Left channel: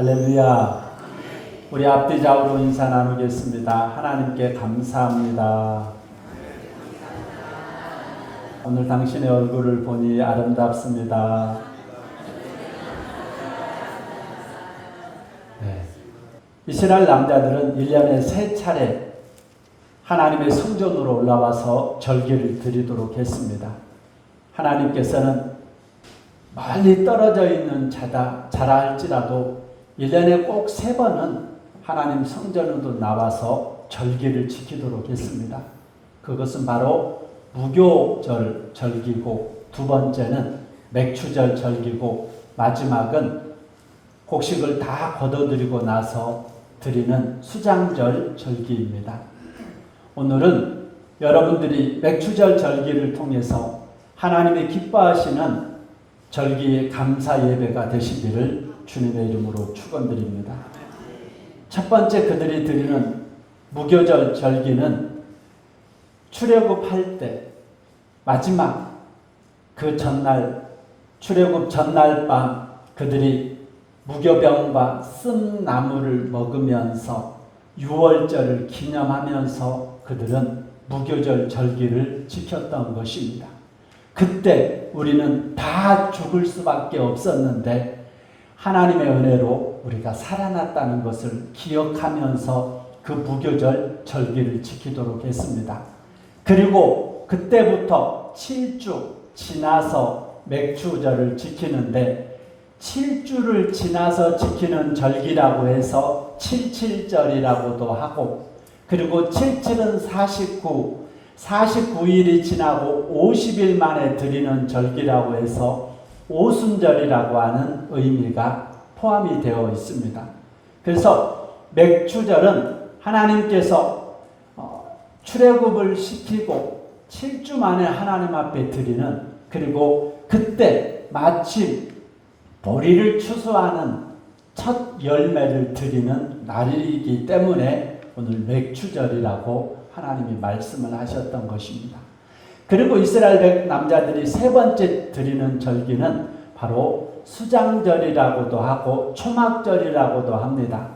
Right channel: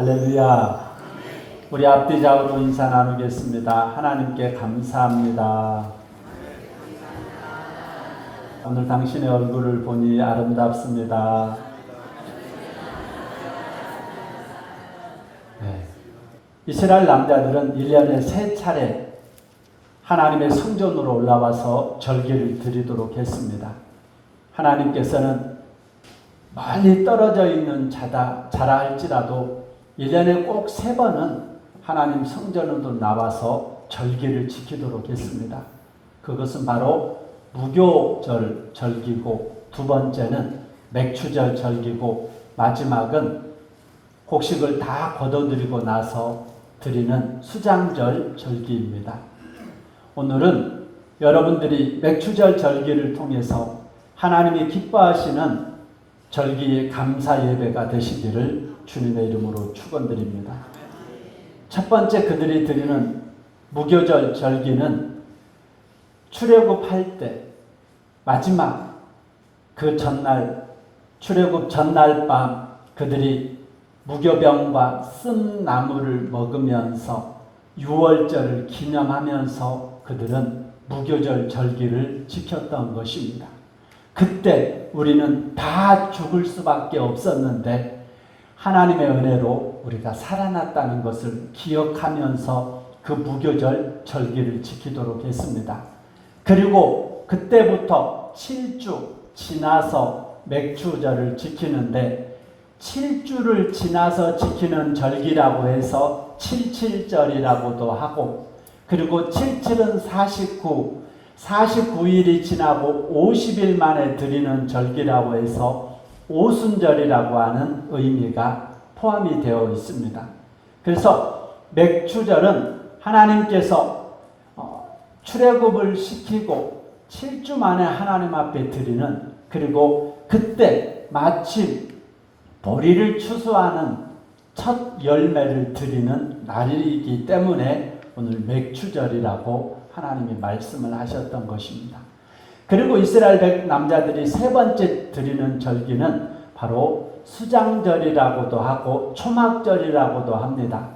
할렐루야. 우리 앞뒤 좌우로 인사 나누겠습니다. 하나님께 감사합니다. 오늘 당신의 얼굴을 보니 아름답습니다. 네. 이스라엘 남자들은 1년에 3차례 하나님의 성전으로 올라와서 절기를 드리도록 했습니다. 하나님께서는 멀리 떨어져 있는 자라 할지라도 1년에 꼭 3번은 하나님 성전으로 나와서 절기를 지키도록 했습니다. 그것은 바로 무교절 절기고, 두 번째는 맥추절 절기고, 마지막은 곡식을 다 거둬들이고 나서 드리는 수장절 절기입니다. 오늘은 여러분들이 맥추절 절기를 통해서 하나님이 기뻐하시는 절기의 감사 예배가 되시기를 주님의 이름으로 축원드립니다. 첫 번째 그들이 드리는 무교절 절기는 출애굽할 때 마지막 그 전날, 출애굽 전날 밤 그들이 무교병과 쓴 나물을 먹으면서 유월절을 기념하면서 그들은 무교절 절기를 지켰던 것입니다. 그때 우리는 다 죽을 수밖에 없었는데 하나님의 은혜로 우리가 살아났다는 것을 기억하면서 그 무교절 절기를 지키도록 했습니다. 그리고 그때부터 7주 지나서 맥추절을 지키는데 7주를 지나서 지키는 절기라고 해서 77절이라고도 하고, 그리고 77은 49일이 지나고 50일 만에 드리는 절기라고 해서 오순절이라고 하는 의미가 포함이 되어 있습니다. 그래서 맥추절은 하나님께서 출애굽을 시키고 7주 만에 하나님 앞에 드리는, 그리고 그때 마침 보리를 추수하는 첫 열매를 드리는 날이기 때문에 오늘 맥추절이라고 하나님이 말씀을 하셨던 것입니다. 그리고 이스라엘 남자들이 3번째 드리는 절기는 바로 수장절이라고도 하고 초막절이라고도 합니다.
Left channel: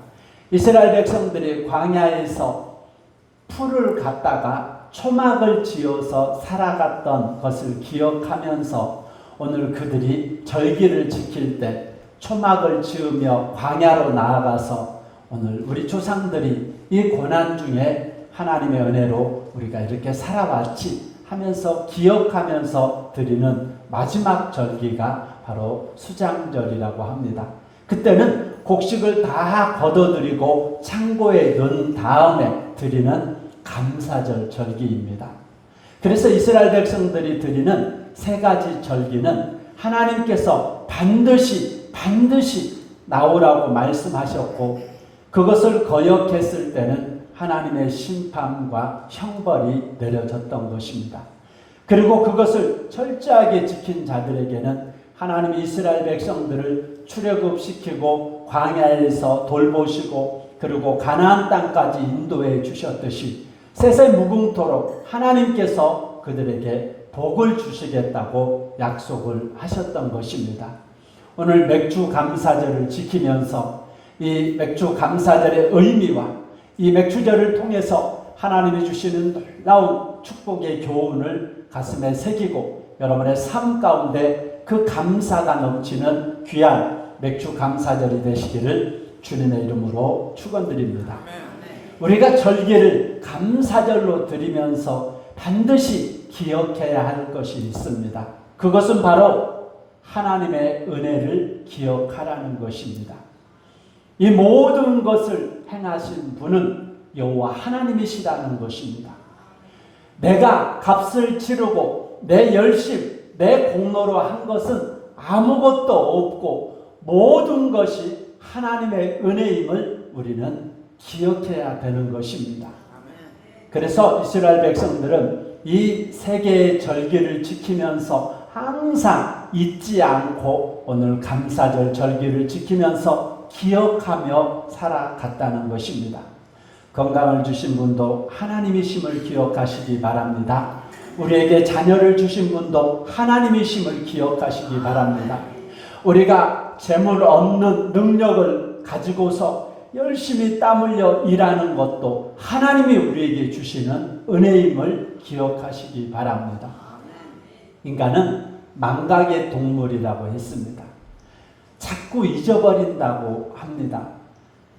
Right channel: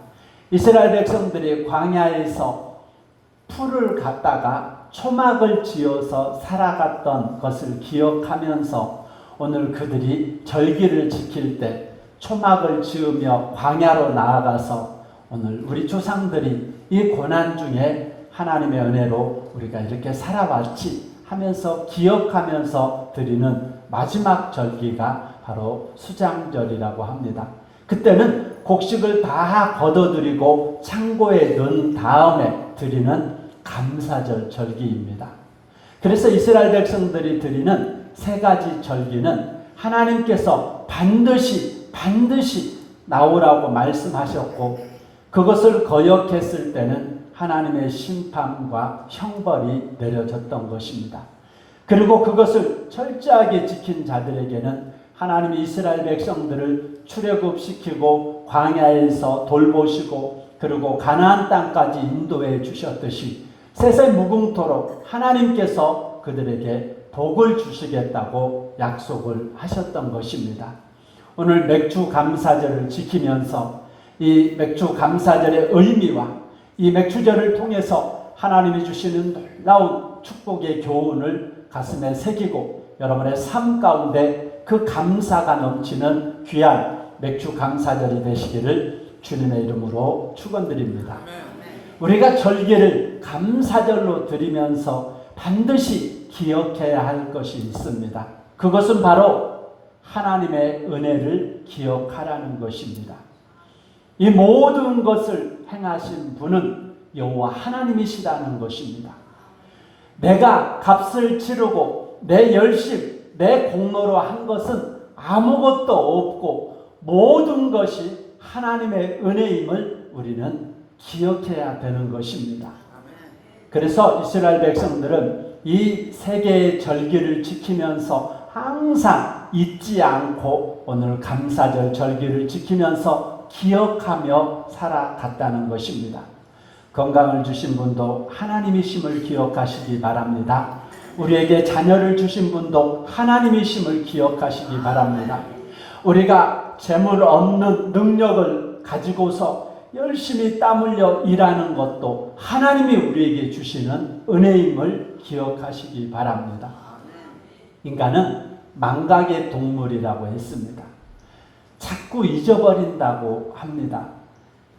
이스라엘 백성들이 광야에서 풀을 갖다가 초막을 지어서 살아갔던 것을 기억하면서 오늘 그들이 절기를 지킬 때 초막을 지으며 광야로 나아가서 오늘 우리 조상들이 이 고난 중에 하나님의 은혜로 우리가 이렇게 살아왔지 하면서 기억하면서 드리는 마지막 절기가 바로 수장절이라고 합니다. 그때는 곡식을 다 거둬들이고 창고에 넣은 다음에 드리는 감사절 절기입니다. 그래서 이스라엘 백성들이 드리는 3가지 절기는 하나님께서 반드시 나오라고 말씀하셨고, 그것을 거역했을 때는 하나님의 심판과 형벌이 내려졌던 것입니다. 그리고 그것을 철저하게 지킨 자들에게는 하나님이 이스라엘 백성들을 출애굽시키고 광야에서 돌보시고 그리고 가나안 땅까지 인도해 주셨듯이 세세무궁토록 하나님께서 그들에게 복을 주시겠다고 약속을 하셨던 것입니다. 오늘 맥주 감사절을 지키면서 이 맥주 감사절의 의미와 이 맥추절을 통해서 하나님이 주시는 놀라운 축복의 교훈을 가슴에 새기고 여러분의 삶 가운데 그 감사가 넘치는 귀한 맥추 감사절이 되시기를 주님의 이름으로 축원드립니다. 우리가 절기를 감사절로 드리면서 반드시 기억해야 할 것이 있습니다. 그것은 바로 하나님의 은혜를 기억하라는 것입니다. 이 모든 것을 행하신 분은 여호와 하나님이시라는 것입니다. 내가 값을 치르고 내 열심, 내 공로로 한 것은 아무것도 없고 모든 것이 하나님의 은혜임을 우리는 기억해야 되는 것입니다. 그래서 이스라엘 백성들은 이 3개의 절기를 지키면서 항상 잊지 않고 오늘 감사절 절기를 지키면서 기억하며 살아갔다는 것입니다. 건강을 주신 분도 하나님이심을 기억하시기 바랍니다. 우리에게 자녀를 주신 분도 하나님이심을 기억하시기 바랍니다. 우리가 재물 얻는 능력을 가지고서 열심히 땀 흘려 일하는 것도 하나님이 우리에게 주시는 은혜임을 기억하시기 바랍니다. 인간은 망각의 동물이라고 했습니다. 자꾸 잊어버린다고 합니다.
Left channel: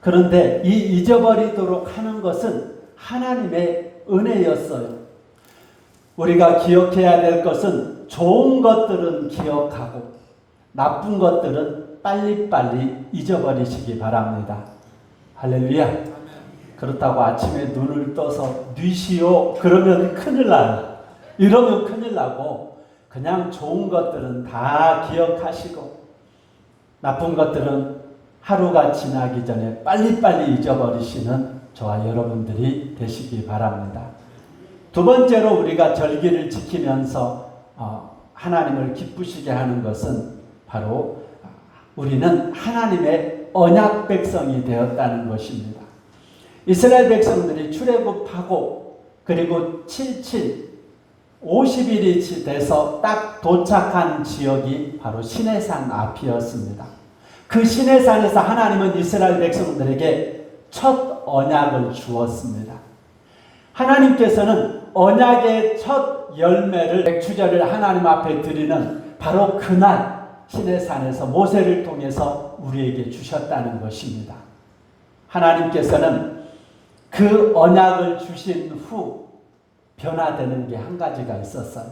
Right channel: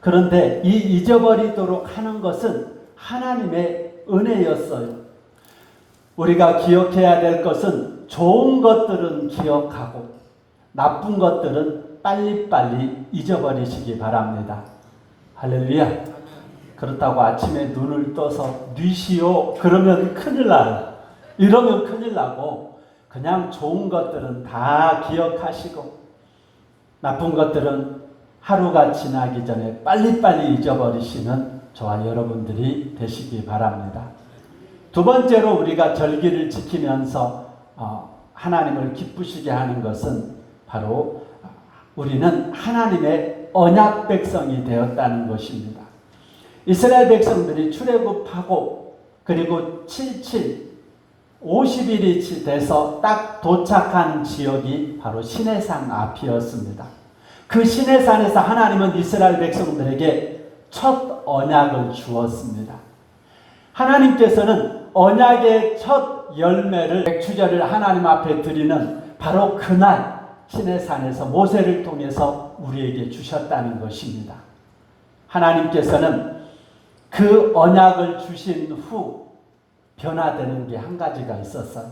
그런데 이 잊어버리도록 하는 것은 하나님의 은혜였어요. 우리가 기억해야 될 것은 좋은 것들은 기억하고 나쁜 것들은 빨리빨리 잊어버리시기 바랍니다. 할렐루야. 그렇다고 아침에 눈을 떠서 뉘시오 그러면 큰일 나요. 이러면 큰일 나고 그냥 좋은 것들은 다 기억하시고 나쁜 것들은 하루가 지나기 전에 빨리빨리 잊어버리시는 저와 여러분들이 되시기 바랍니다. 두 번째로 우리가 절기를 지키면서 하나님을 기쁘시게 하는 것은 바로 우리는 하나님의 언약 백성이 되었다는 것입니다. 이스라엘 백성들이 출애굽하고 그리고 50일이 돼서 딱 도착한 지역이 바로 시내산 앞이었습니다. 그 시내산에서 하나님은 이스라엘 백성들에게 첫 언약을 주었습니다. 하나님께서는 언약의 첫 열매를 백추절을 하나님 앞에 드리는 바로 그날 시내산에서 모세를 통해서 우리에게 주셨다는 것입니다. 하나님께서는 그 언약을 주신 후 변화되는 게 한 가지가 있었어요.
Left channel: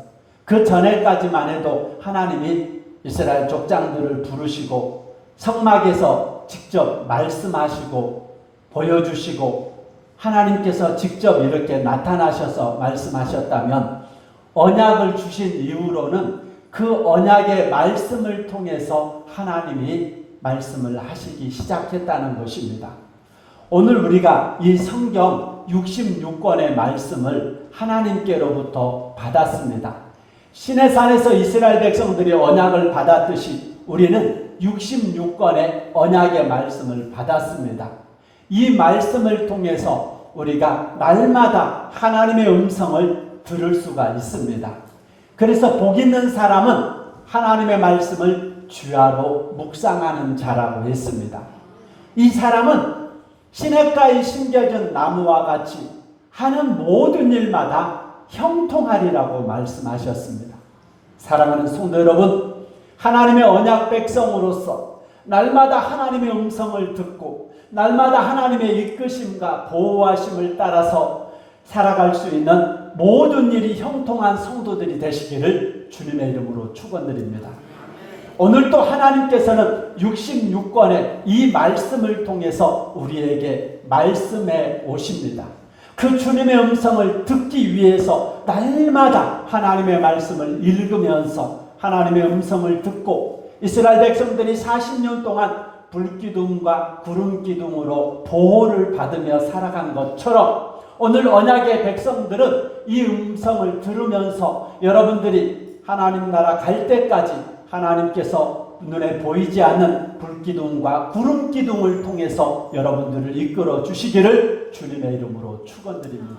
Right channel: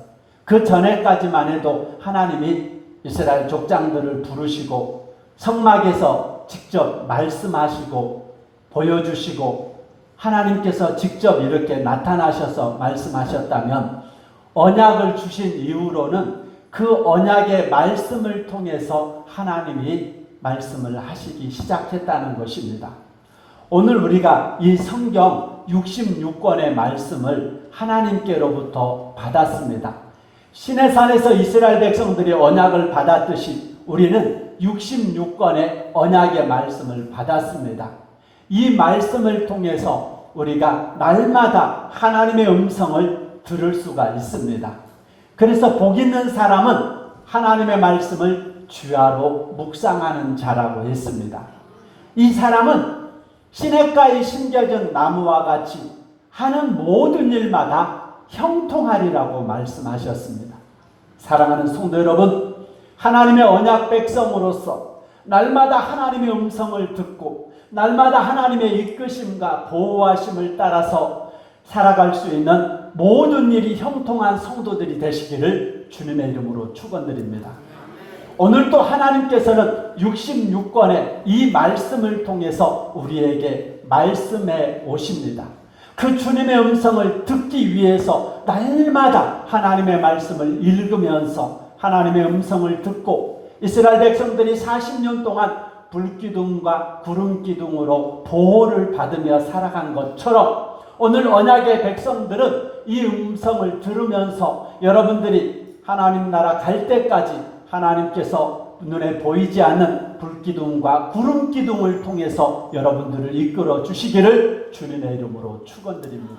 그 전에까지만 해도 하나님이 이스라엘 족장들을 부르시고 성막에서 직접 말씀하시고 보여주시고 하나님께서 직접 이렇게 나타나셔서 말씀하셨다면 언약을 주신 이후로는 그 언약의 말씀을 통해서 하나님이 말씀을 하시기 시작했다는 것입니다. 오늘 우리가 이 성경 66권의 말씀을 하나님께로부터 받았습니다. 시내산에서 이스라엘 백성들이 언약을 받았듯이 우리는 66권의 언약의 말씀을 받았습니다. 이 말씀을 통해서 우리가 날마다 하나님의 음성을 들을 수가 있습니다. 그래서 복 있는 사람은 하나님의 말씀을 주야로 묵상하는 자라고 했습니다. 이 사람은 시냇가에 심겨진 나무와 같이 하는 모든 일마다 형통하리라고 말씀하셨습니다. 사랑하는 성도 여러분, 하나님의 언약 백성으로서 날마다 하나님의 음성을 듣고 날마다 하나님의 이끄심과 보호하심을 따라서 살아갈 수 있는 모든 일이 형통한 성도들이 되시기를 주님의 이름으로 축원드립니다. 오늘도 하나님께서는 66권의 이 말씀을 통해서 우리에게 말씀해 오십니다. 그 주님의 음성을 듣기 위해서 날마다 하나님의 말씀을 읽으면서 하나님의 음성을 듣고 이스라엘 백성들이 40년 동안 불기둥과 구름기둥으로 보호를 받으며 살아간 것처럼 오늘 언약의 백성들은 이 음성을 들으면서 여러분들이 하나님 나라 갈 때까지 하나님께서 눈에 보이지 않는 불기둥과 구름기둥을 통해서 여러분들을 이끌어 주시기를 주님의 이름으로 축원드립니다.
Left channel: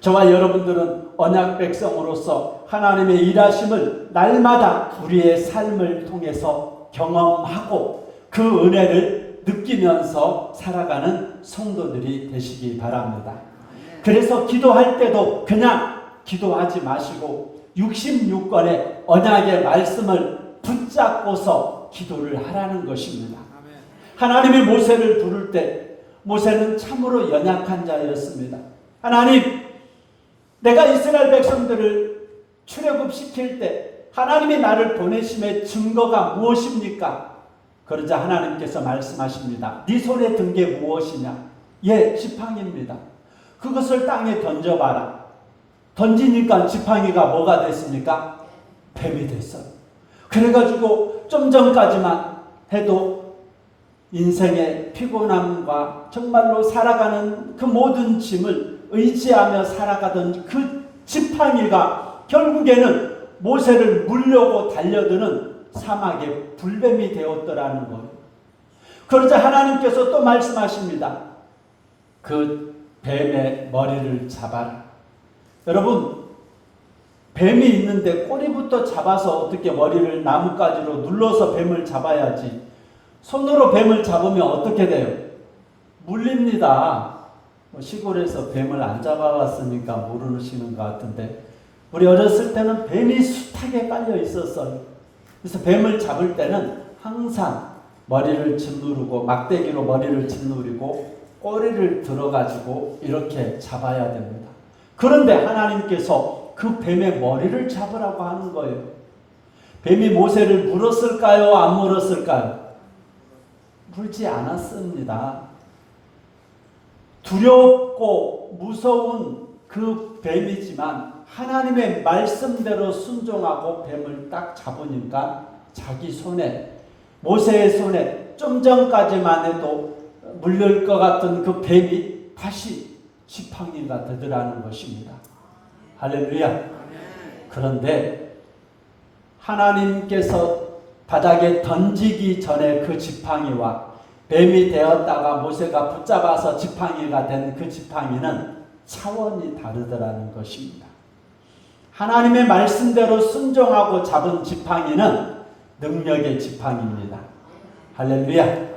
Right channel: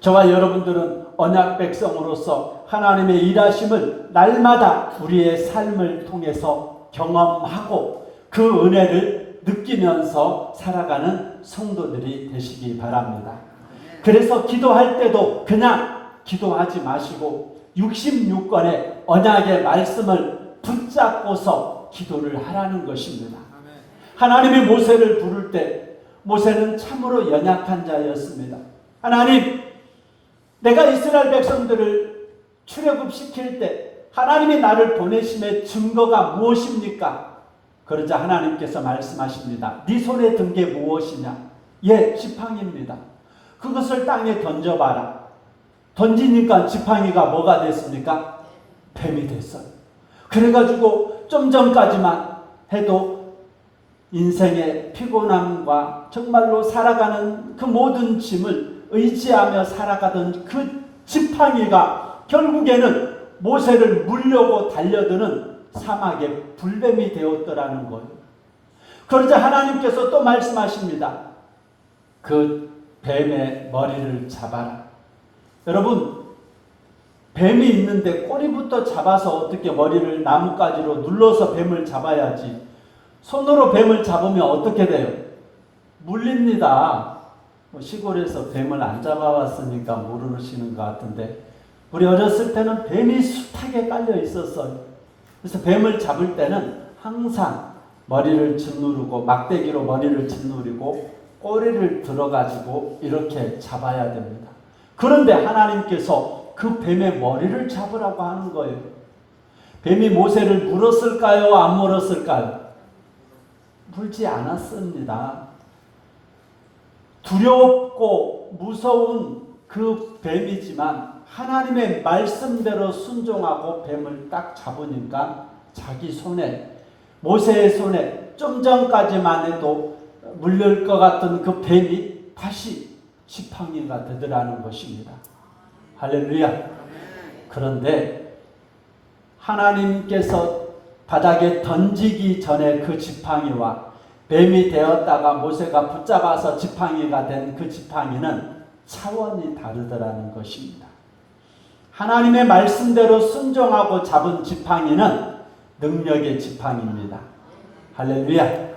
저와 여러분들은 언약 백성으로서 하나님의 일하심을 날마다 우리의 삶을 통해서 경험하고 그 은혜를 느끼면서 살아가는 성도들이 되시기 바랍니다. 그래서 기도할 때도 그냥 기도하지 마시고 66권의 언약의 말씀을 붙잡고서 기도를 하라는 것입니다. 하나님이 모세를 부를 때 모세는 참으로 연약한 자였습니다. 하나님, 내가 이스라엘 백성들을 출애굽시킬 때 하나님이 나를 보내심의 증거가 무엇입니까? 그러자 하나님께서 말씀하십니다. 네 손에 든 게 무엇이냐? 예, 지팡이입니다. 그것을 땅에 던져봐라. 던지니까 지팡이가 뭐가 됐습니까? 뱀이 됐어요. 그래가지고 좀 전까지만 해도 인생의 피곤함과 정말로 살아가는 그 모든 짐을 의지하며 살아가던 그 지팡이가 결국에는 모세를 물려고 달려드는 사막의 불뱀이 되었더라는 거예요. 그러자 하나님께서 또 말씀하십니다. 그 뱀의 머리를 잡아라. 여러분, 뱀이 있는데 꼬리부터 잡아서 어떻게 머리를 나뭇가지로 눌러서 뱀을 잡아야지. 손으로 뱀을 잡으면 어떻게 돼요? 물립니다. 시골에서 뱀을 안 잡아왔으니까 모르시는 것 같은데 우리 어렸을 때는 뱀이 숱하게 깔려 있었어요. 그래서 뱀을 잡을 때는 항상 머리를 짓누르고 막대기로 머리를 짓누르고 꼬리를 들어가지고 이렇게 잡아야 됩니다. 그런데 하나님께서 그 뱀의 머리를 잡으라고 하는 거예요. 뱀이 모세를 물었을까요? 안 물었을까요? 물지 않았습니다. 두렵고 무서운 그 뱀이지만 하나님의 말씀대로 순종하고 뱀을 딱 잡으니까 자기 손에, 모세의 손에 좀 전까지만 해도 물릴 것 같은 그 뱀이 다시 지팡이가 되더라는 것입니다. 할렐루야. 그런데 하나님께서 바닥에 던지기 전에 그 지팡이와 뱀이 되었다가 모세가 붙잡아서 지팡이가 된 그 지팡이는 차원이 다르더라는 것입니다. 하나님의 말씀대로 순종하고 잡은 지팡이는 능력의 지팡이입니다. 할렐루야.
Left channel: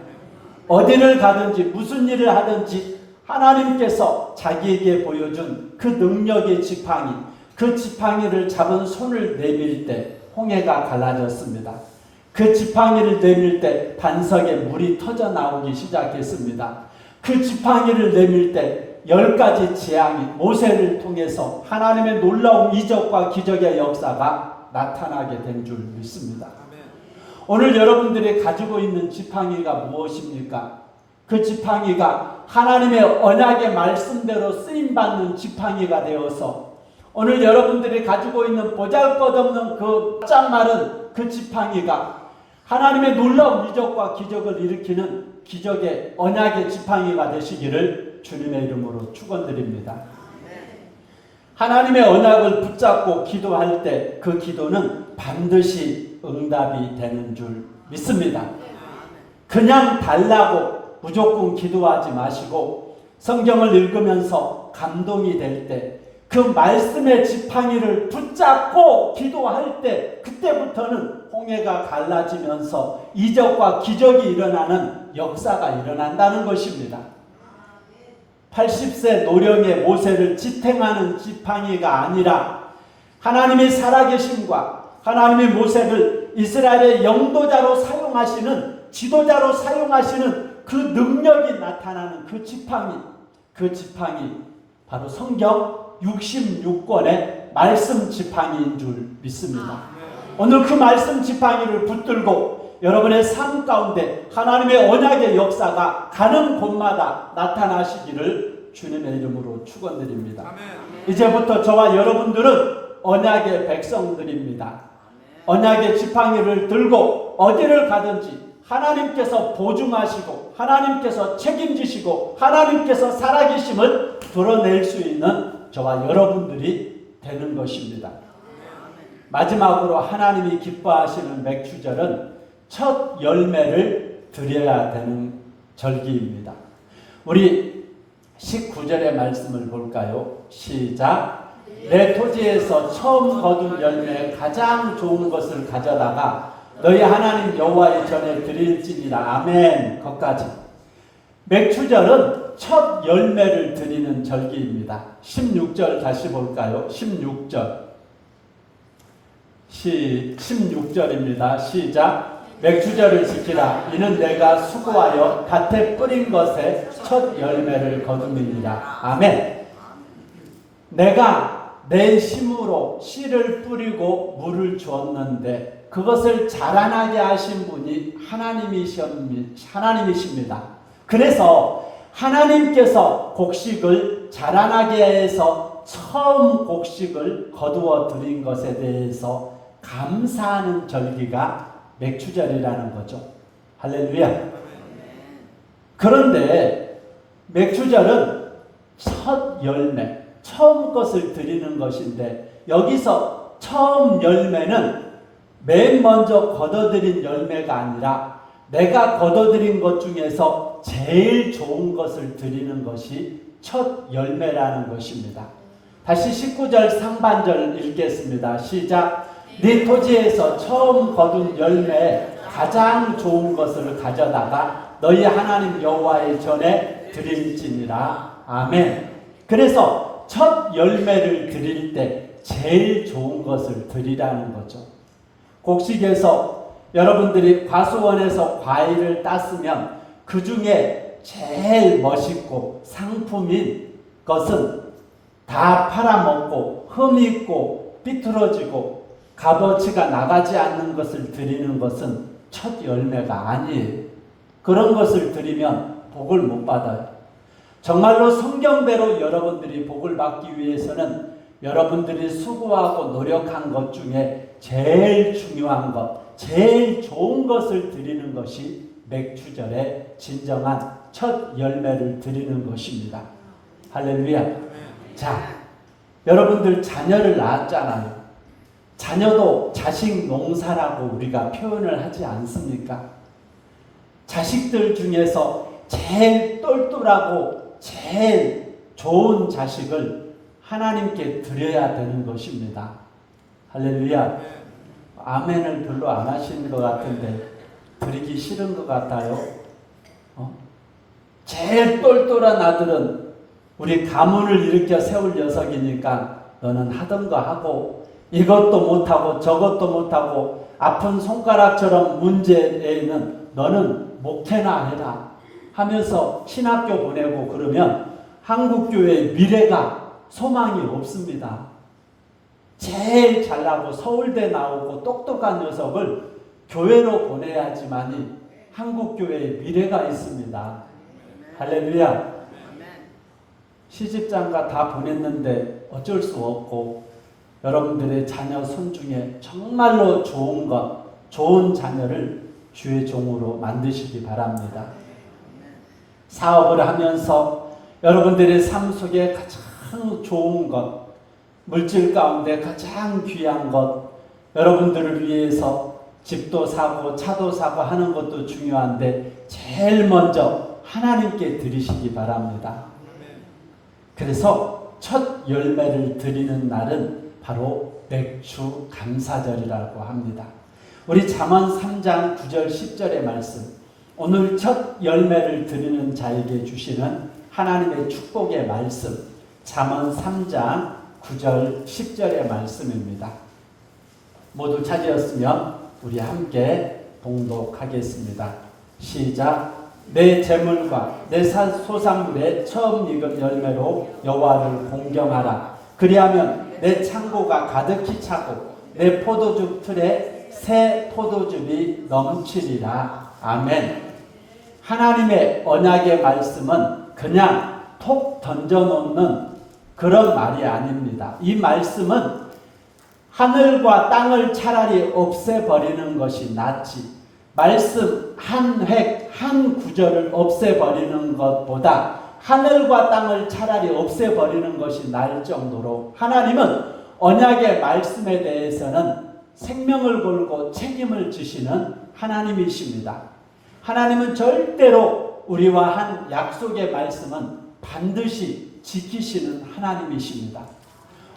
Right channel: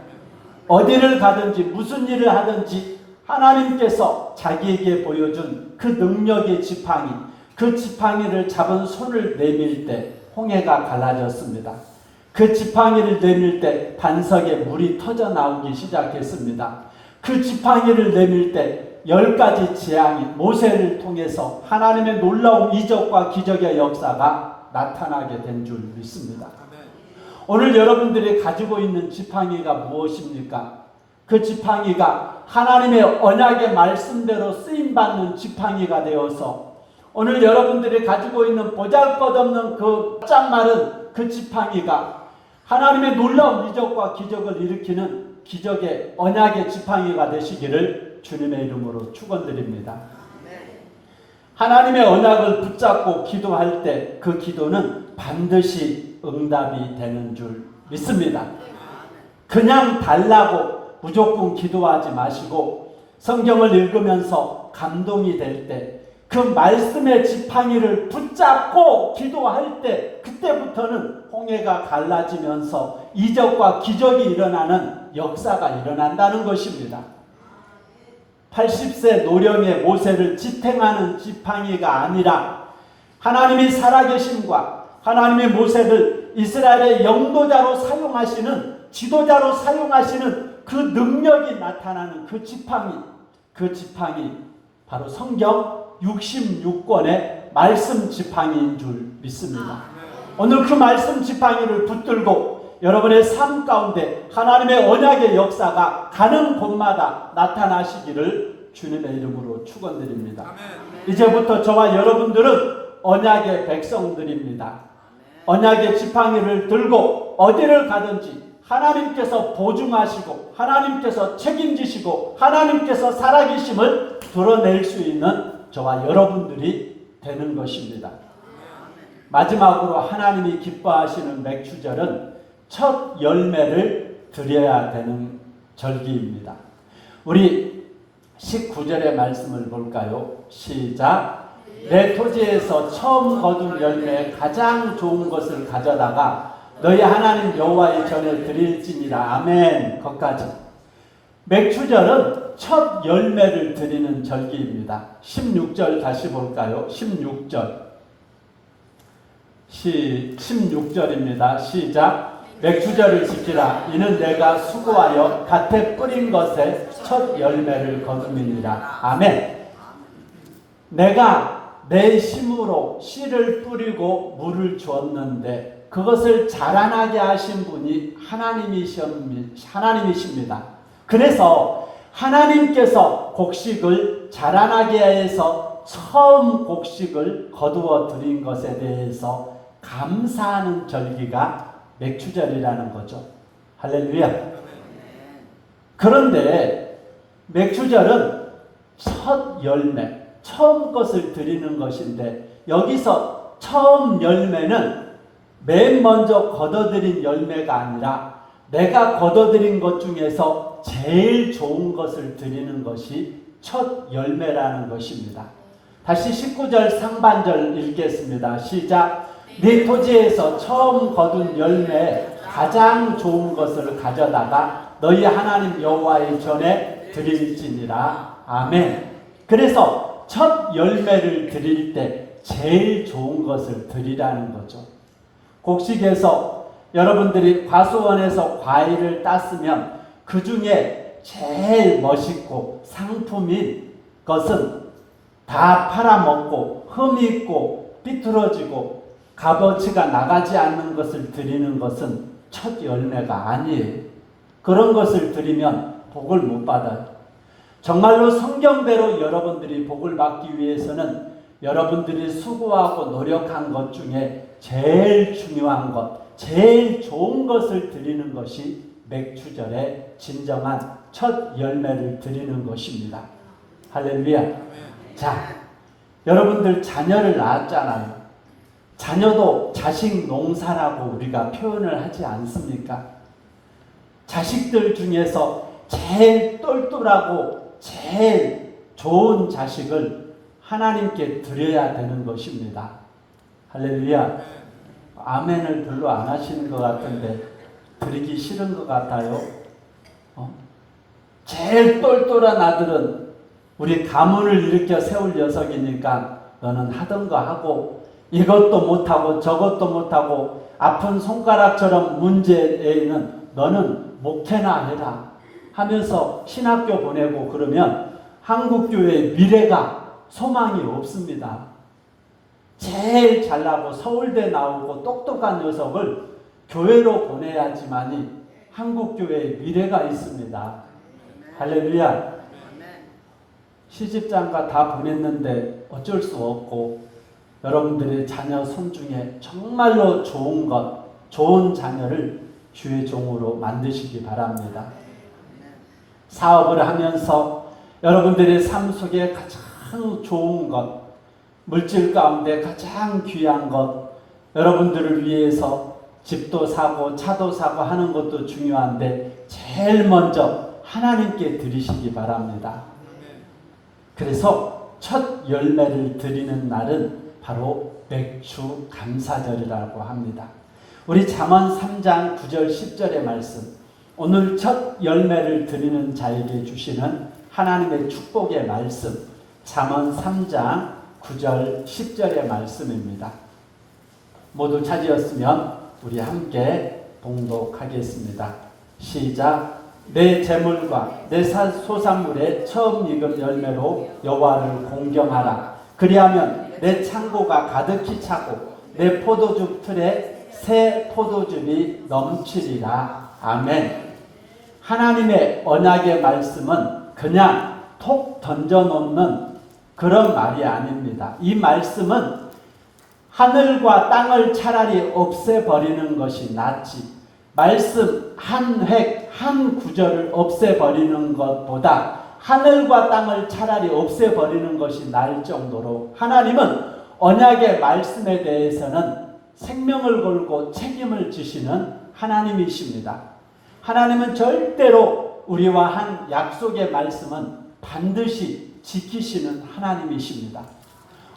어디를 가든지 무슨 일을 하든지 하나님께서 자기에게 보여준 그 능력의 지팡이, 그 지팡이를 잡은 손을 내밀 때 홍해가 갈라졌습니다. 그 지팡이를 내밀 때 반석에 물이 터져 나오기 시작했습니다. 그 지팡이를 내밀 때 10가지 재앙이 모세를 통해서 하나님의 놀라운 이적과 기적의 역사가 나타나게 된 줄 믿습니다. 오늘 여러분들이 가지고 있는 지팡이가 무엇입니까? 그 지팡이가 하나님의 언약의 말씀대로 쓰임받는 지팡이가 되어서 오늘 여러분들이 가지고 있는 보잘것없는 그 짝마른 그 지팡이가 하나님의 놀라운 이적과 기적을 일으키는 기적의 언약의 지팡이가 되시기를 주님의 이름으로 축원드립니다. 하나님의 언약을 붙잡고 기도할 때 그 기도는 반드시 응답이 되는 줄 믿습니다. 그냥 달라고 무조건 기도하지 마시고 성경을 읽으면서 감동이 될 때 그 말씀의 지팡이를 붙잡고 기도할 때 그때부터는 홍해가 갈라지면서 이적과 기적이 일어나는 역사가 일어난다는 것입니다. 80세 노령의 모세를 지탱하는 지팡이가 아니라 하나님의 살아계심과 하나님의 모세를 이스라엘의 영도자로 사용하시는, 지도자로 사용하시는 그 능력이 나타나는 그 지팡이 바로 성경 66권의 말씀 지팡이인 줄 믿습니다. 오늘 그 말씀 지팡이를 붙들고 여러분의 삶 가운데 하나님의 언약의 역사가 가는 곳마다 나타나시기를 주님의 이름으로 축원드립니다. 이제부터 저와 여러분들은 언약의 백성들입니다. 언약의 지팡이를 들고 어디를 가든지 하나님께서 보증하시고 하나님께서 책임지시고 하나님께서 살아계심을 드러낼 수 있는 저와 여러분들이 되는 것입니다. 마지막으로 하나님이 기뻐하시는 맥추절은 첫 열매를 드려야 되는 절기입니다. 우리 19절의 말씀을 볼까요? 시작. 내 토지에서 처음 거둔 열매 가장 좋은 것을 가져다가 너희 하나님 여호와의 전에 드릴지니라. 아멘. 거기까지. 맥추절은 첫 열매를 드리는 절기입니다. 16절 다시 볼까요? 16절. 16절입니다. 시작. 맥추절을 지키라. 이는 내가 수고하여 밭에 뿌린 것에 첫 열매를 거둠이니라. 아멘. 내가 내 힘으로 씨를 뿌리고 물을 주었는데 그것을 자라나게 하신 분이 하나님이십니다. 그래서 하나님께서 곡식을 자라나게 해서 처음 곡식을 거두어 드린 것에 대해서 감사하는 절기가 맥추절이라는 거죠. 할렐루야. 그런데 맥추절은 첫 열매, 처음 것을 드리는 것인데 여기서 처음 열매는 맨 먼저 거둬들인 열매가 아니라 내가 거둬들인 것 중에서 제일 좋은 것을 드리는 것이 첫 열매라는 것입니다. 다시 19절 상반절 읽겠습니다. 시작. 네 토지에서 처음 거둔 열매 가장 좋은 것을 가져다가 너희 하나님 여호와의 전에 드릴지니라. 아멘. 그래서 첫 열매를 드릴 때 제일 좋은 것을 드리라는 거죠. 곡식에서 여러분들이 과수원에서 과일을 땄으면 그 중에 제일 멋있고 상품인 것은 다 팔아먹고 흠이 있고 삐뚤어지고 값어치가 나가지 않는 것을 드리는 것은 첫 열매가 아니에요. 그런 것을 드리면 복을 못 받아요. 정말로 성경대로 여러분들이 복을 받기 위해서는 여러분들이 수고하고 노력한 것 중에 제일 중요한 것, 제일 좋은 것을 드리는 것이 맥추절의 진정한 첫 열매를 드리는 것입니다. 할렐루야. 자, 여러분들 자녀를 낳았잖아요. 자녀도 자식 농사라고 우리가 표현을 하지 않습니까? 자식들 중에서 제일 똘똘하고 제일 좋은 자식을 하나님께 드려야 되는 것입니다. 할렐루야. 아멘을 별로 안 하시는 것 같은데 드리기 싫은 것 같아요. 제일 똘똘한 아들은 우리 가문을 일으켜 세울 녀석이니까 너는 하던 거 하고 이것도 못하고 저것도 못하고 아픈 손가락처럼 문제에는 너는 목회나 해라 하면서 신학교 보내고 그러면 한국교회의 미래가 소망이 없습니다. 제일 잘나고 서울대 나오고 똑똑한 녀석을 교회로 보내야지만이 한국교회의 미래가 있습니다. 할렐루야. 시집장가 다 보냈는데 어쩔 수 없고 여러분들의 자녀 손 중에 정말로 좋은 것, 좋은 자녀를 주의 종으로 만드시기 바랍니다. 사업을 하면서 여러분들의 삶 속에 가장 좋은 것, 물질 가운데 가장 귀한 것, 여러분들을 위해서 집도 사고 차도 사고 하는 것도 중요한데 제일 먼저 하나님께 드리시기 바랍니다. 그래서 첫 열매를 드리는 날은 바로 맥주 감사절이라고 합니다. 우리 잠언 3장 9절 10절의 말씀, 오늘 첫 열매를 드리는 자에게 주시는 하나님의 축복의 말씀, 잠언 3장 9절 10절의 말씀입니다. 모두 찾으셨으면 우리 함께 봉독하겠습니다. 시작. 내 재물과 내 소산물의 처음 익은 열매로 여호와를 공경하라. 그리하면 내 창고가 가득히 차고 내 포도주 틀에 새 포도즙이 넘치리라. 아멘. 하나님의 언약의 말씀은 그냥 톡 던져놓는 그런 말이 아닙니다. 이 말씀은 하늘과 땅을 차라리 없애버리는 것이 낫지, 말씀 한 획, 한 구절을 없애버리는 것보다 하늘과 땅을 차라리 없애버리는 것이 나을 정도로 하나님은 언약의 말씀에 대해서는 생명을 걸고 책임을 지시는 하나님이십니다. 하나님은 절대로 우리와 한 약속의 말씀은 반드시 지키시는 하나님이십니다.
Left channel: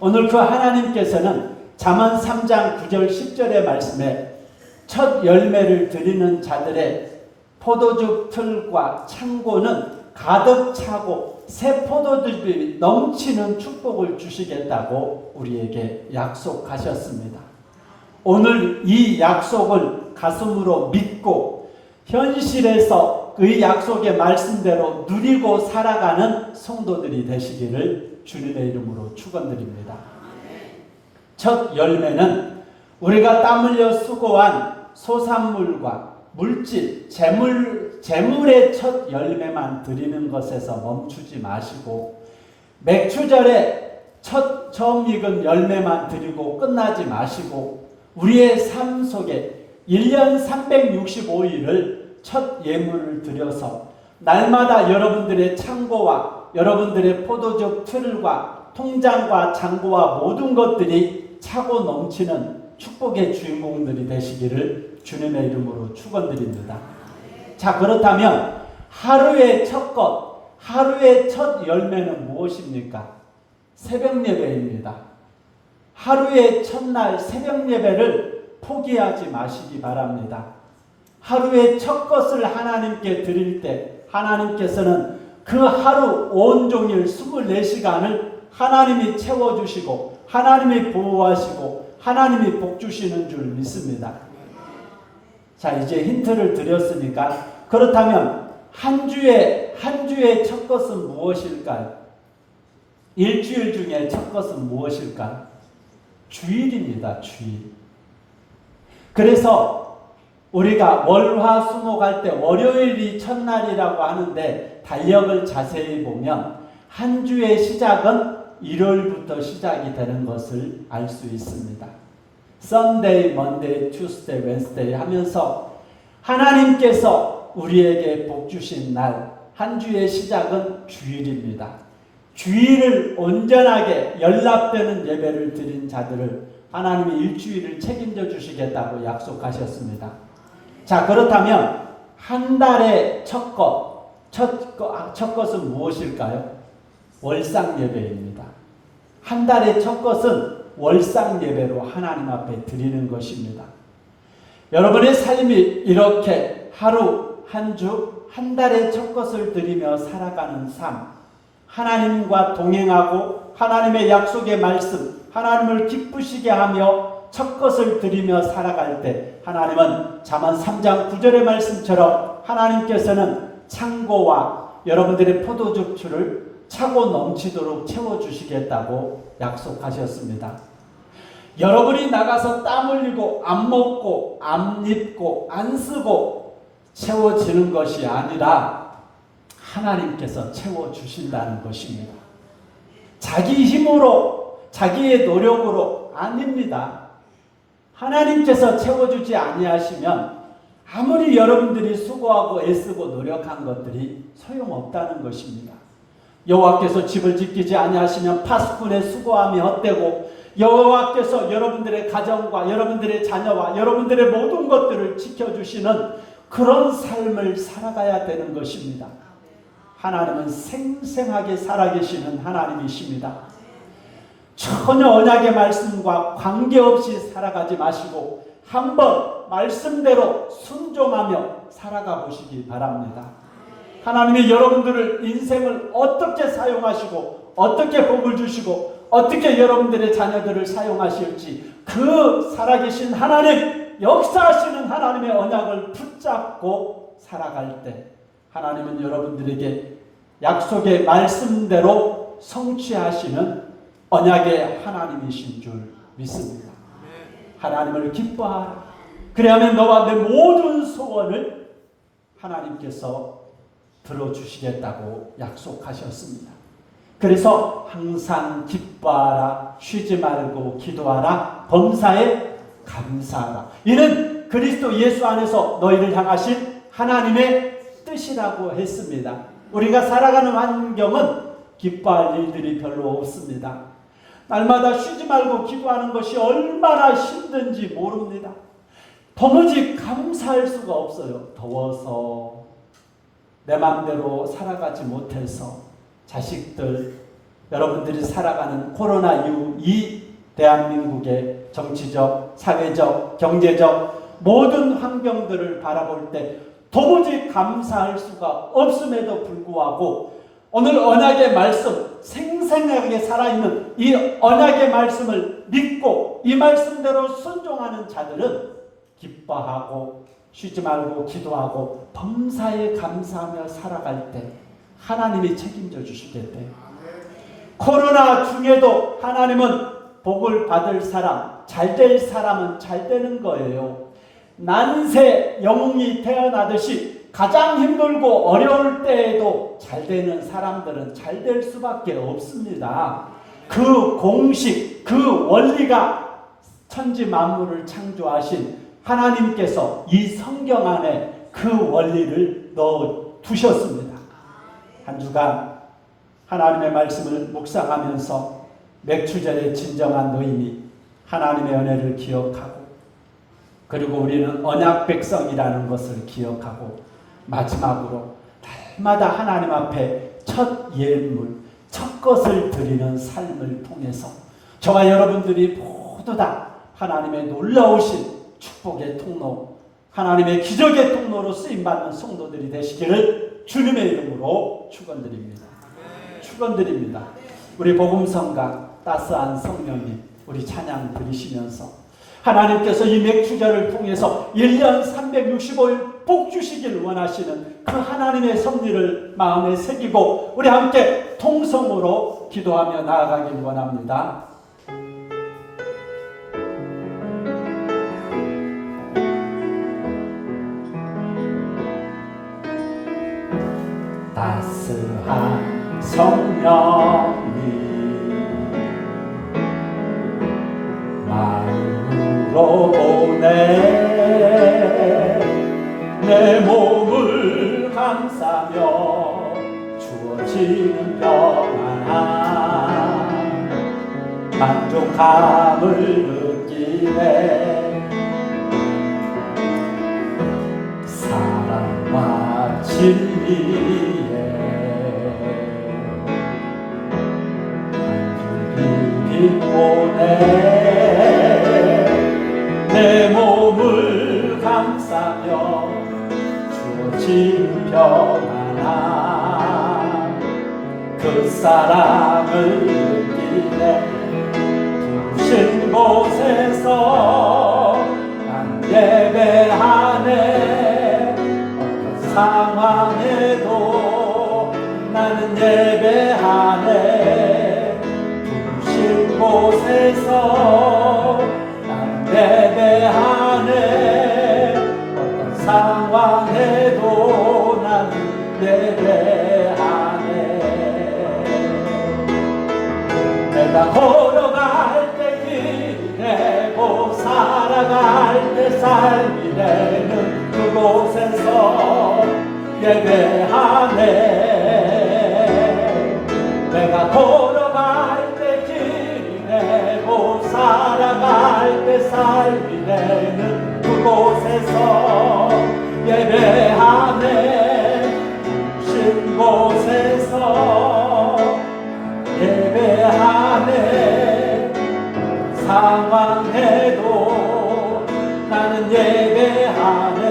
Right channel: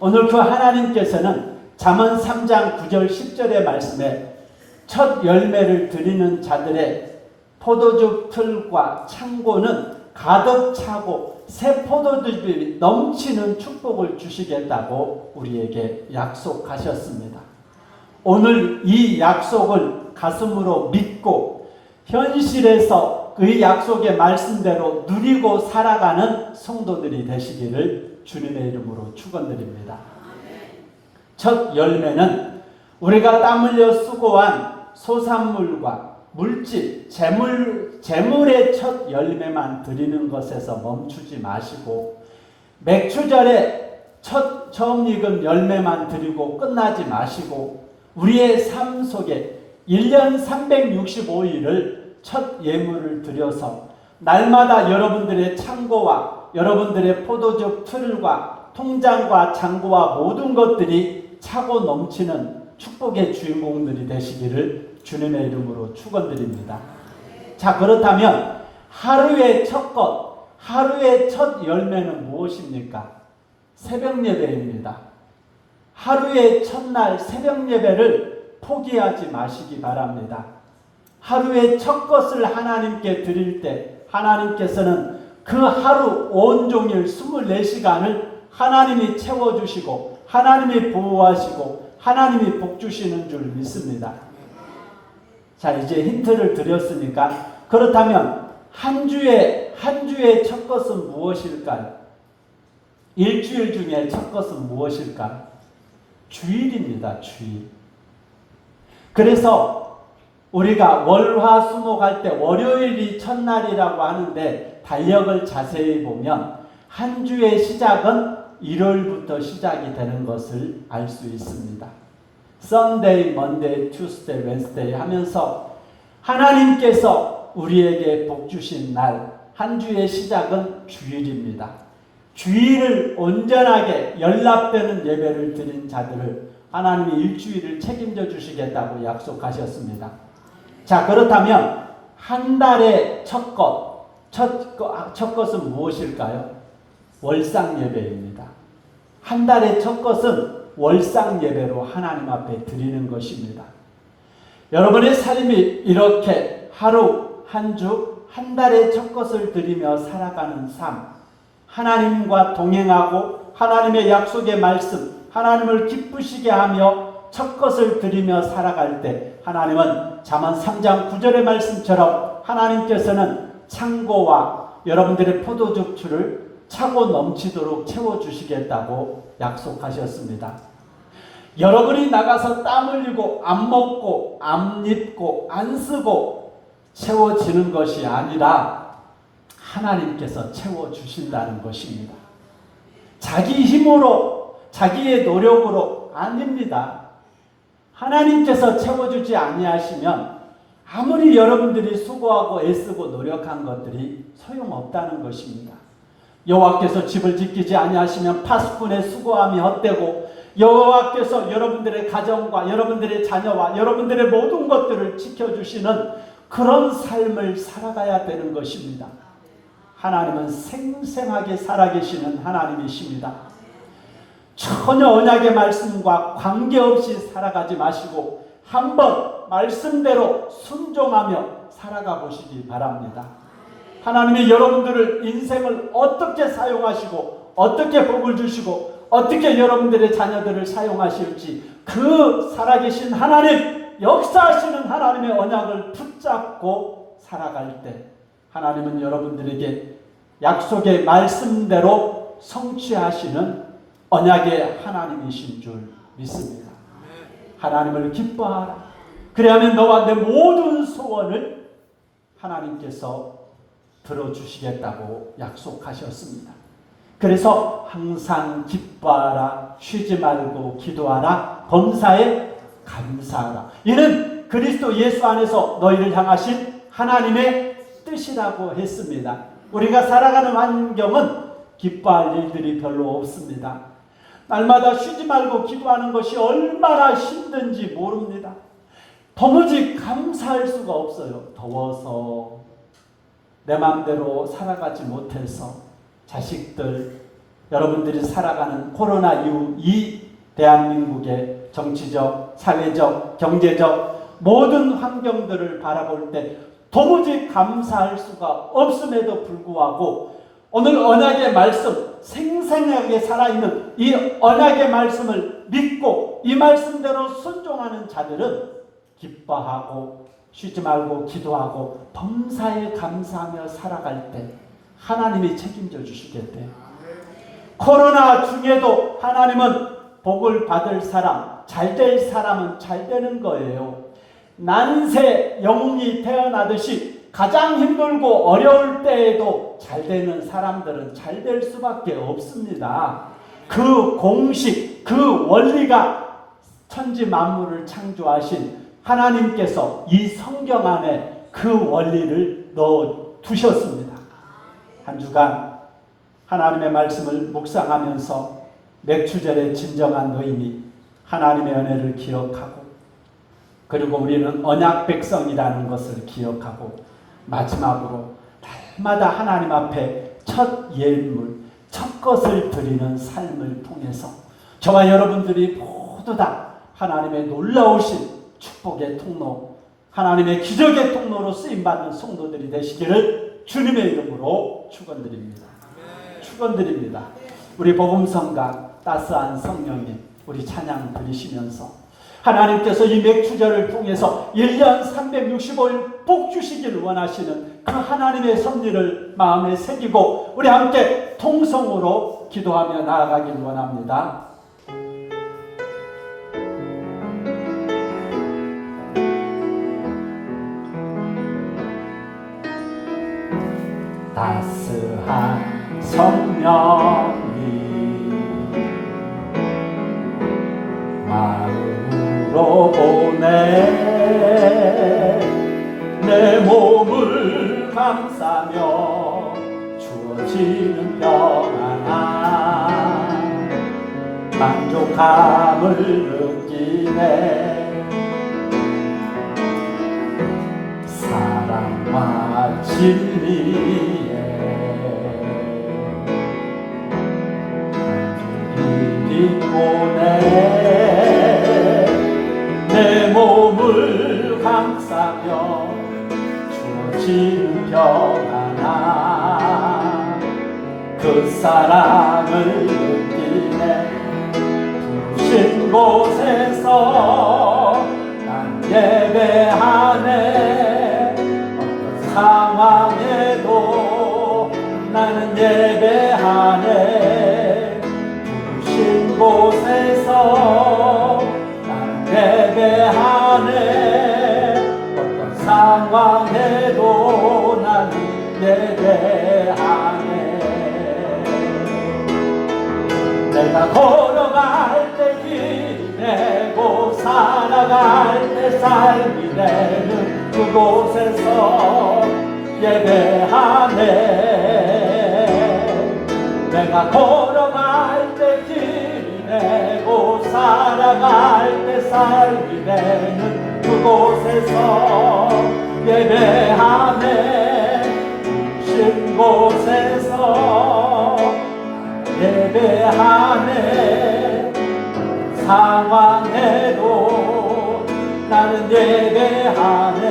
오늘 그 하나님께서는 잠언 3장 9절 10절의 말씀에 첫 열매를 드리는 자들의 포도주 틀과 창고는 가득 차고 새 포도즙이 넘치는 축복을 주시겠다고 우리에게 약속하셨습니다. 오늘 이 약속을 가슴으로 믿고 현실에서 그 약속의 말씀대로 누리고 살아가는 성도들이 되시기를 주님의 이름으로 축원드립니다. 첫 열매는 우리가 땀 흘려 수고한 소산물과 물질, 재물의 첫 열매만 드리는 것에서 멈추지 마시고 맥추절에 처음 익은 열매만 드리고 끝나지 마시고 우리의 삶 속에 1년 365일을 첫 예물을 드려서 날마다 여러분들의 창고와 여러분들의 포도즙 틀과 통장과 잔고와 모든 것들이 차고 넘치는 축복의 주인공들이 되시기를 주님의 이름으로 축원드립니다. 자, 그렇다면 하루의 첫 것, 하루의 첫 열매는 무엇입니까? 새벽 예배입니다. 하루의 첫날 새벽 예배를 포기하지 마시기 바랍니다. 하루의 첫 것을 하나님께 드릴 때 하나님께서는 그 하루 온종일 24시간을 하나님이 채워주시고 하나님이 보호하시고 하나님이 복주시는 줄 믿습니다. 자, 이제 힌트를 드렸으니까 그렇다면 한 주의 첫 것은 무엇일까요? 일주일 중에 첫 것은 무엇일까? 주일입니다. 주일. 그래서 우리가 월화수목 할 때 월요일이 첫날이라고 하는데 달력을 자세히 보면 한 주의 시작은 일요일부터 시작이 되는 것을 알 수 있습니다. Sunday, Monday, Tuesday, Wednesday 하면서 하나님께서 우리에게 복 주신 날, 한 주의 시작은 주일입니다. 주일을 온전하게 연락되는 예배를 드린 자들을 하나님이 일주일을 책임져 주시겠다고 약속하셨습니다. 자, 그렇다면 한 달의 첫 것은 무엇일까요? 월상 예배입니다. 한 달의 첫 것은 월상 예배로 하나님 앞에 드리는 것입니다. 여러분의 삶이 이렇게 하루, 한 주, 한 달의 첫 것을 드리며 살아가는 삶, 하나님과 동행하고 하나님의 약속의 말씀, 하나님을 기쁘시게 하며 첫 것을 드리며 살아갈 때 하나님은 잠언 3장 9절의 말씀처럼 하나님께서는 창고와 여러분들의 포도주를 차고 넘치도록 채워주시겠다고 약속하셨습니다. 여러분이 나가서 땀 흘리고 안 먹고 안 입고 안 쓰고 채워지는 것이 아니라 하나님께서 채워주신다는 것입니다. 자기 힘으로 자기의 노력으로 아닙니다. 하나님께서 채워주지 아니하시면 아무리 여러분들이 수고하고 애쓰고 노력한 것들이 소용없다는 것입니다. 여호와께서 집을 지키지 아니하시면 파수꾼의 수고함이 헛되고 여호와께서 여러분들의 가정과 여러분들의 자녀와 여러분들의 모든 것들을 지켜주시는 그런 삶을 살아가야 되는 것입니다. 하나님은 생생하게 살아계시는 하나님이십니다. 전혀 언약의 말씀과 관계없이 살아가지 마시고 한번 말씀대로 순종하며 살아가 보시기 바랍니다. 하나님이 여러분들을 인생을 어떻게 사용하시고 어떻게 복을 주시고 어떻게 여러분들의 자녀들을 사용하실지 그 살아계신 하나님, 역사하시는 하나님의 언약을 붙잡고 살아갈 때 하나님은 여러분들에게 약속의 말씀대로 성취하시는 언약의 하나님이신 줄 믿습니다. 하나님을 기뻐하라. 그래야만 너와 내 모든 소원을 하나님께서 들어주시겠다고 약속하셨습니다. 그래서 항상 기뻐하라, 쉬지 말고 기도하라, 범사에 감사하라. 이는 그리스도 예수 안에서 너희를 향하신 하나님의 뜻이라고 했습니다. 우리가 살아가는 환경은 기뻐할 일들이 별로 없습니다. 날마다 쉬지 말고 기도하는 것이 얼마나 힘든지 모릅니다. 도무지 감사할 수가 없어요. 더워서 내 마음대로 살아가지 못해서 자식들, 여러분들이 살아가는 코로나 이후 이 대한민국의 정치적, 사회적, 경제적 모든 환경들을 바라볼 때 도무지 감사할 수가 없음에도 불구하고 오늘 언약의 말씀, 생생하게 살아있는 이 언약의 말씀을 믿고 이 말씀대로 순종하는 자들은 기뻐하고 쉬지 말고 기도하고 범사에 감사하며 살아갈 때 하나님이 책임져 주시겠대요. 코로나 중에도 하나님은 복을 받을 사람, 잘될 사람은 잘 되는 거예요. 난세 영웅이 태어나듯이 가장 힘들고 어려울 때에도 잘 되는 사람들은 잘 될 수밖에 없습니다. 그 공식, 그 원리가 천지 만물을 창조하신 하나님께서 이 성경 안에 그 원리를 넣어 두셨습니다. 한 주간 하나님의 말씀을 묵상하면서 맥추절의 진정한 노임이 하나님의 은혜를 기억하고 그리고 우리는 언약 백성이라는 것을 기억하고 마지막으로 날마다 하나님 앞에 첫 예물, 첫 것을 드리는 삶을 통해서 저와 여러분들이 모두 다 하나님의 놀라우신 축복의 통로, 하나님의 기적의 통로로 쓰임받는 성도들이 되시기를 주님의 이름으로 축원드립니다. 축원드립니다. 우리 복음성가 따스한 성령님 우리 찬양 드리시면서 하나님께서 이 맥주절을 통해서 1년 365일 복 주시길 원하시는 그 하나님의 섭리를 마음에 새기고 우리 함께 통성으로 기도하며 나아가길 원합니다. 따스한 성령이 마음으로 오네 내 몸을 감싸며 주어지는 평안함 만족함을 느끼네 사랑과 진리에 오네 내 몸을 감싸며 주어지는 평안함 그 사랑을 느끼네 부신 곳에서 난 예배하네 어떤 상황에도 나는 예배하네 부신 곳에서 난 예배하네 어떤 상황에도 나는 예배하네 내가 걸어갈 때 길내고 살아갈 때 삶이 되는 그곳에서 예배하네 내가 걸어갈 때 길내고 살아갈 때 삶이 되는 그곳에서 예배하네 신 곳에서 예배하네 상황에도 나는 예배하네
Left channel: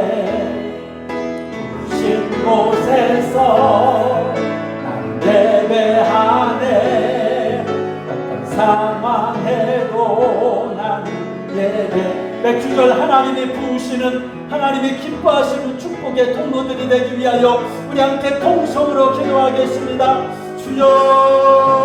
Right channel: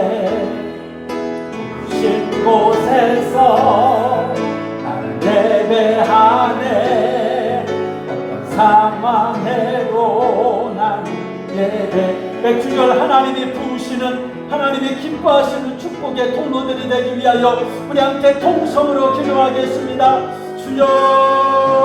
신 곳에서 나는 예배하네 어떤 상황에도 나는 예배 맥주절 하나님이 부으시는 하나님이 기뻐하시는 축복의 통로들이 되기 위하여 우리 함께 통성으로 기도하겠습니다. 주여